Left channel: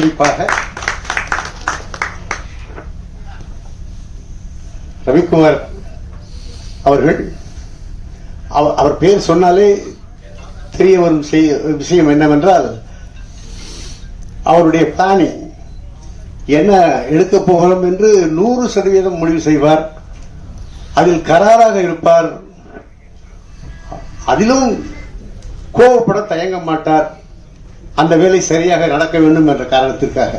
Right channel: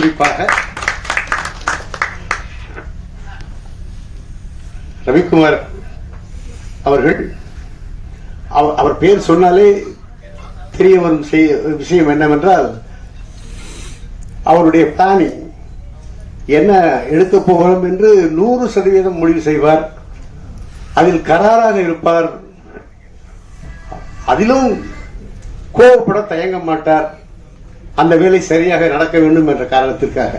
குறிப்பாக ரவிக்குமார் அவர்கள் அவர் பேர் சொன்னாலே தெரிய வரும் விஷயம் என்னவென்றால் அவருடைய பிளானிங் என்ன எடுக்க போகிறோம் என்று நூறு சதவீதம் முடிவு செய்வார். அதில் கராராக இருப்பார். அதிலும் கோவப்பட தயங்க மாட்டார். அந்த வேலை சரியாக நடக்க வேண்டும் என்ற காரணத்திற்காக.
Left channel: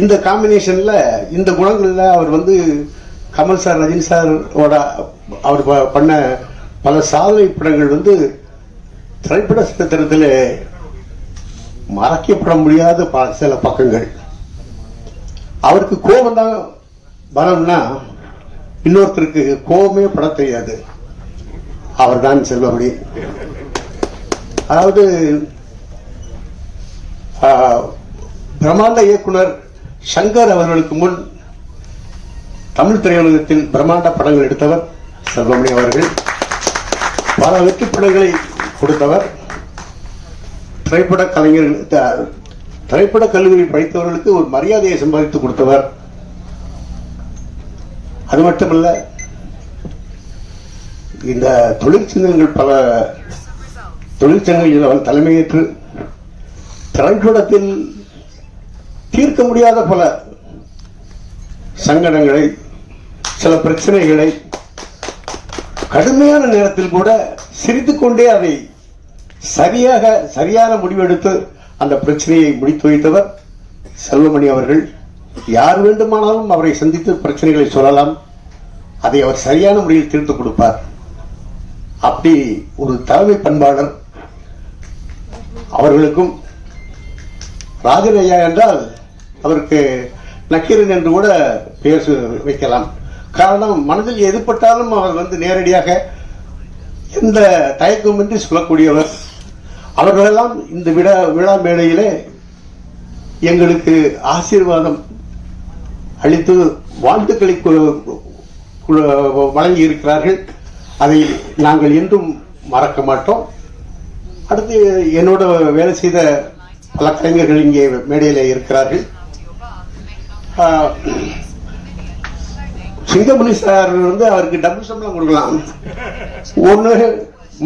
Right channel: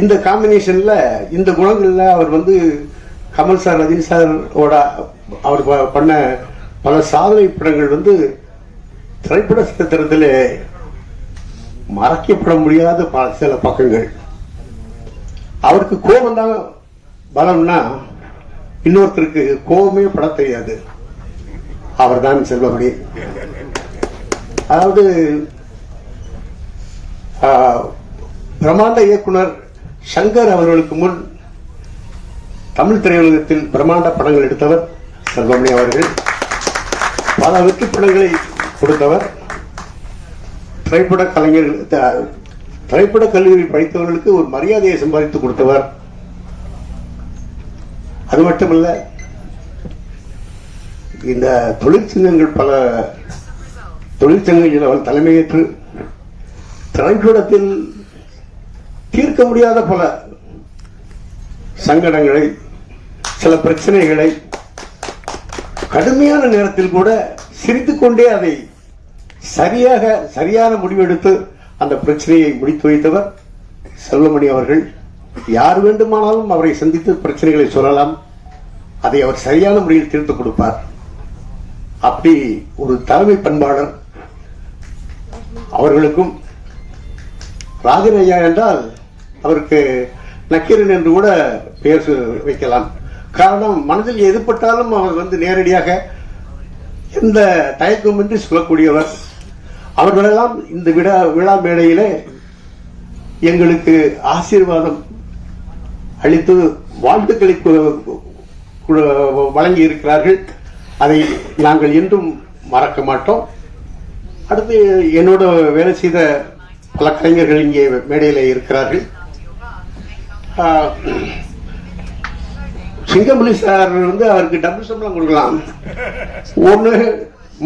இந்த காம்பினேஷன்ல இந்த குணங்கள்ல அவர் வந்து கமல் சார் ரஜினி சார் அவர் பண்ண பல சாதனை படங்கள் வந்து திரைப்பட சித்திரத்தில் மறைக்கப்பட முடியாத பல சில பக்கங்கள். அவருக்கு கோபம் தான் பலம்னா இன்னொருத்தருக்கு கோபமே பட தெரியாது. அவர் தான் செல்வமணி. அதாவது பிரமாண்ட பிரம்மாண்ட இயக்குனர் சங்கர் அவர்களுக்கு முன் தமிழ் திரையுலகத்தின் பிரம்மாண்ட படங்கள் எடுத்தவர் சர்வமணி அவர்கள். பல வெற்றி படங்களை கொடுத்தவர். திரைப்பட கலைஞர் திரைப்பட கல்லூரியில் படித்தவர்களுக்கு ஒரு மரியாதையை சம்பாதித்து கொடுத்தவர். அது மட்டுமல்ல இந்த தொழிற்சங்கங்கள் பல தொழிற்சங்கங்களில் அவர் தலைமையேற்று திரைப்படத்தில் தீர்க்க முடியாத பல சங்கடங்களை சில பிரச்சனைகளை கடுமையான நேரத்தில் கூட சிரித்துக்கொண்டே அதை சரியாக சரியான முடிவெடுத்து அந்த பிரச்சனையை முடித்து வைத்தவர் செல்வமணி அவர்கள். யார் வேண்டுமானாலும் அவரை சந்தித்து பிரச்சனைகளை சொல்லலாம். அதை அவர் சரியான முறையில் தீர்த்து கொடுப்பார். அப்படி ஒரு தலைமை பண்பாளர் அவர்களுக்கும் ராஜன் என்றால் அவருக்கு நக்கீரன் என்று கூட பெயர் வைக்கலாம். காரணம் மனதில் எதுப்பட்டாலும் அவர் வந்து நேரடியாக எந்த தயக்கமின்றி சொல்லக்கூடியவர் அவர்களெல்லாம் இந்த விழா விழா மேடையிலே எங்களுக்கு ஆசீர்வாதம் அளித்து வாழ்த்துக்களை வழங்கி இருக்கிறார்கள் அதை நாங்கள் என்றும் மறக்க மாட்டோம். அடுத்து என்னோட வேலை செய்த பல கலைஞர்கள் இங்கே மேடையில் இருக்கிறார்கள். சிங்கமணி சார் வந்து அவருக்கு டபுள் சம்பளம் கொடுக்கலாம். ஒன்று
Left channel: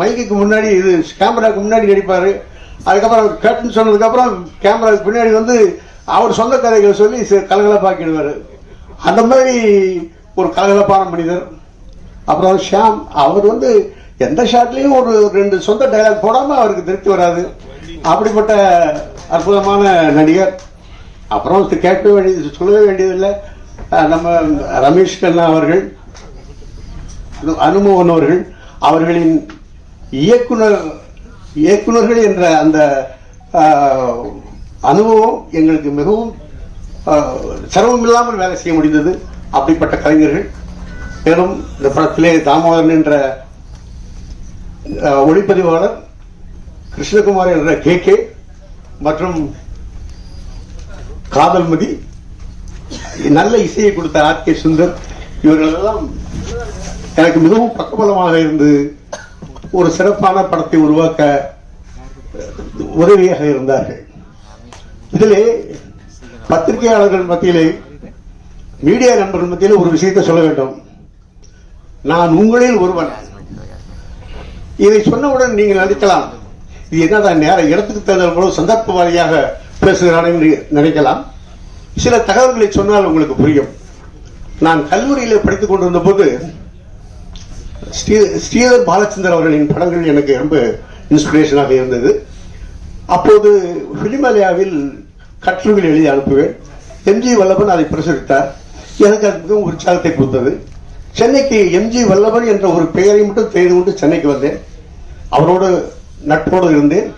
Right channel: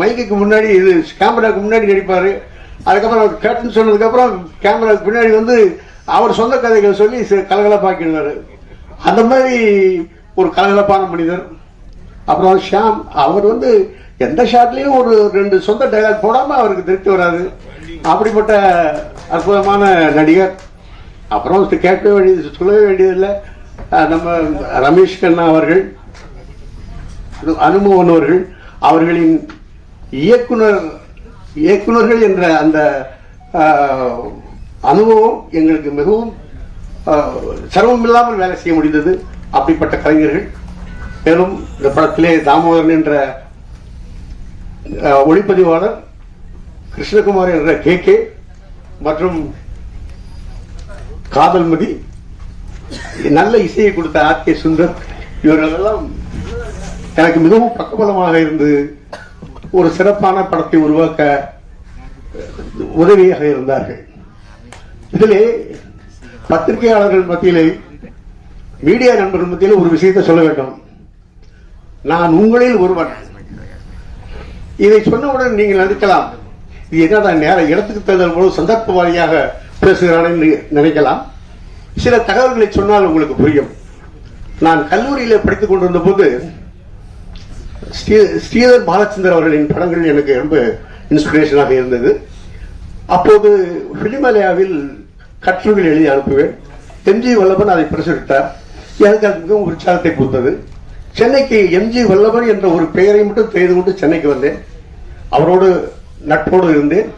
மைக்குக்கு முன்னாடி இது கேமராவுக்கு முன்னாடி நடிப்பார். அதுக்கப்புறம் கட்டுன்னு சொன்னதுக்கப்புறம் கேமராவுக்கு பின்னாடி வந்து அவர் சொந்த கதைகளை சொல்லி கலகலப்பாக்கிடுவார். அந்த மாதிரி ஒரு கலகலப்பான மனிதர். அப்புறம் ஷியாம் அவர் வந்து எந்த ஷாட்லேயும் ஒரு ரெண்டு சொந்த டைலாக் போடாமல் அவருக்கு திருப்தி வராது. அப்படிப்பட்ட அற்புதமான நடிகர். அப்புறம் கேட்க வேண்டியது சொல்லவே வேண்டியதில்லை. நம்ம ரமேஷ் கண்ணா அவர்கள் அனு- அனுமோகன் அவர்கள் அவர்களின் இயக்குனர் இயக்குனர்கள் என்ற அந்த அனுபவம் எங்களுக்கு மிகவும் சிரமம் இல்லாமல் வேலை செய்ய முடிந்தது. அப்படிப்பட்ட கலைஞர்கள் மேலும் இந்த படத்திலே தாமோதரன் என்ற ஒளிப்பதிவாளர் கிருஷ்ணகுமார் என்ற கே கே மற்றும் காதல்மதி நல்ல இசையை கொடுத்த ஆர் கே சுந்தர் இவர்களெல்லாம் எனக்கு மிகவும் பக்கபலமாக இருந்து ஒரு சிறப்பான படத்தை உருவாக்க உதவியாக இருந்தார்கள். இதிலே பத்திரிகையாளர்கள் மத்தியிலே மீடியா நண்பர்கள் மத்தியிலே ஒரு விஷயத்தை சொல்ல வேண்டும். நான் உங்களில் ஒருவன். இதை சொன்னவுடன் நீங்கள் நினைக்கலாம் இது என்னதான் நேரம்? இடத்துக்கு தகுந்த போல சந்தர்ப்பவாதியாக பேசுகிறான்னு நினைக்கலாம். சில தகவல்களை சொன்னால் உங்களுக்கு புரியும். நான் கல்லூரியில் படித்துக் கொண்டிருந்த போது ஸ்ரீ- ஸ்ரீதர் பாலச்சந்தர் அவர்களின் படங்கள் எனக்கு ரொம்ப இன்ஸ்பிரேஷனாக இருந்தது. அப்போது பிலிமலையாவில் கட்டுரைகள் எழுதி அனுப்புவேன். எம்ஜி வல்லபன் அதை பிரசுரித்தார். எனக்கு அது மிகவும் உற்சாகத்தை கொடுத்தது. சென்னைக்கு எம்ஜி வல்லபன் என்ற ஒரு பெயரை மட்டும் தெரிந்து கொண்டு சென்னைக்கு வந்தேன். அவரோடு நட்போடு இருந்தேன்.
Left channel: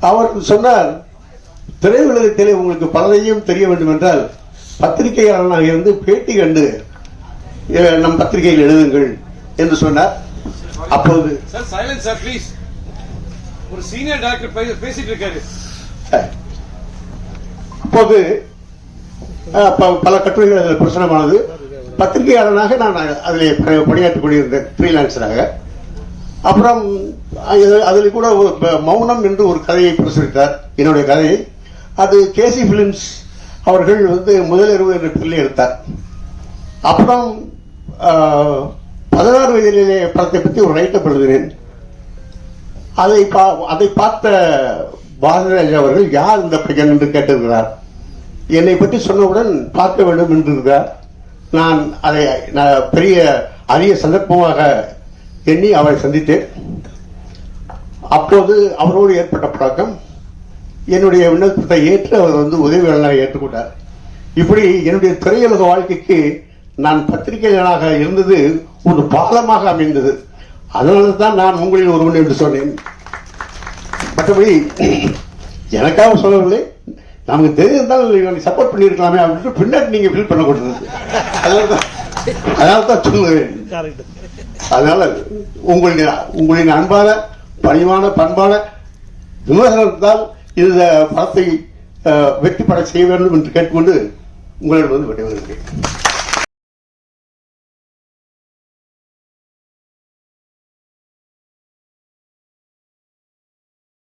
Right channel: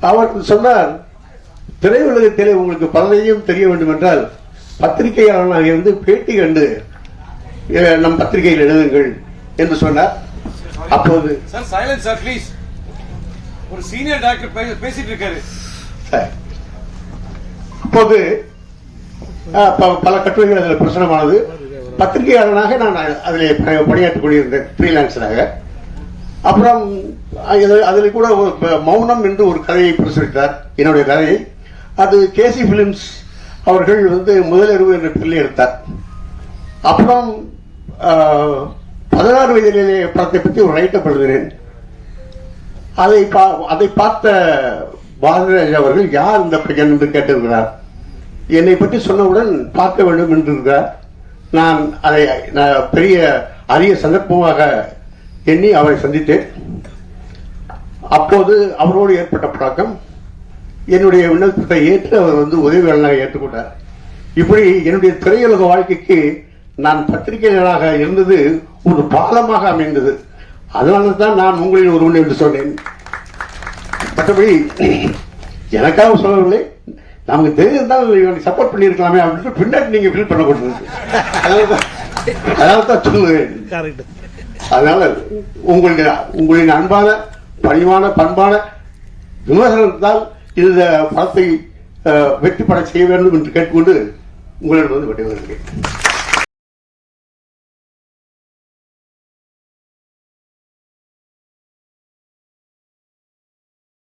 அவர் சொன்னார் திரையுலகத்திலே உங்களுக்கு பலரையும் தெரிய வேண்டும் என்றால் பத்திரிகையாளனாக இருந்து பேட்டி கண்டு நம் பத்திரிகையில் எழுதுங்கள் என்று சொன்னார். அப்போது ஒரு சீனியர் டாக்டர் பேசிட்டு இருக்காரு. அப்போது பல கட்டுரைகள் அதில் பிரசுரமானது. பத்திரிகையாளனாக நான் அதில் ப- பணியாற்றிக் கொண்டிருந்தேன் ஃப்ரீலான்சராக அப்புறம் அதில் கூட ஒரு மௌனம் என்று ஒரு கதையை பிரசுரித்தார். என்னுடைய கதையை அது கேசி பிலிம்ஸ் அவர்கள் வந்து முதலிரவு என்ற பிள்ளை எடுத்தார். அப்புறம் பதினாறு வயதிலே படத்தை பற்றி ஒரு ரைட்டப் எழுதினேன் அதை பா- அதை பார்த்த பாரதிராஜ் அவர்கள் யார் இந்த பையன்? என்று கேட்டிருக்கிறார். என்னை பற்றி சொன்னவுடன் பார்க்க வேண்டும் என்று இருக்கிறார் நான் அதை நான் பெரிய அரிய சந்தர்ப்பமாக எண்ணி அவரை சந்தித்தேன். அப்போது அவரோடு ஏற்பட்ட பழக்கம் என்னுடைய விண்ணப்பத்தை ஏற்று அவர் வந்து உதவியாளராக ஏற்றுக்கொண்டார். இப்படி என்னுடைய திரையுலக வாழ்க்கைக்கு நான் பத்திரிகையாளராக இருந்தது ஒரு பாலமாக அமைந்தது. அதனால தான் நான் உங்களில் ஒருவன் என்று சொன்னேன். மற்றபடி எனக்காக சொல்லவில்லை. நமக்கு தெரிந்திருந்தால் சப்போர்ட் பண்ணியிருக்கலாமே அப்படின்னு பின்னாடி நீங்க ஃபீல் பண்ணக்கூடாது அதனால தான் அதனால தான் சொல்லுவேன் அதனால உங்களுடைய உங்களின் அன்பான பணிவான பண்பான விமர்சனத்தால் இந்த படத்தை வெற்றி பெற செய்ய வேண்டும் என்று கேட்டுக்கொண்டு உங்களிடம் வந்து விடைபெறுகிறேன்.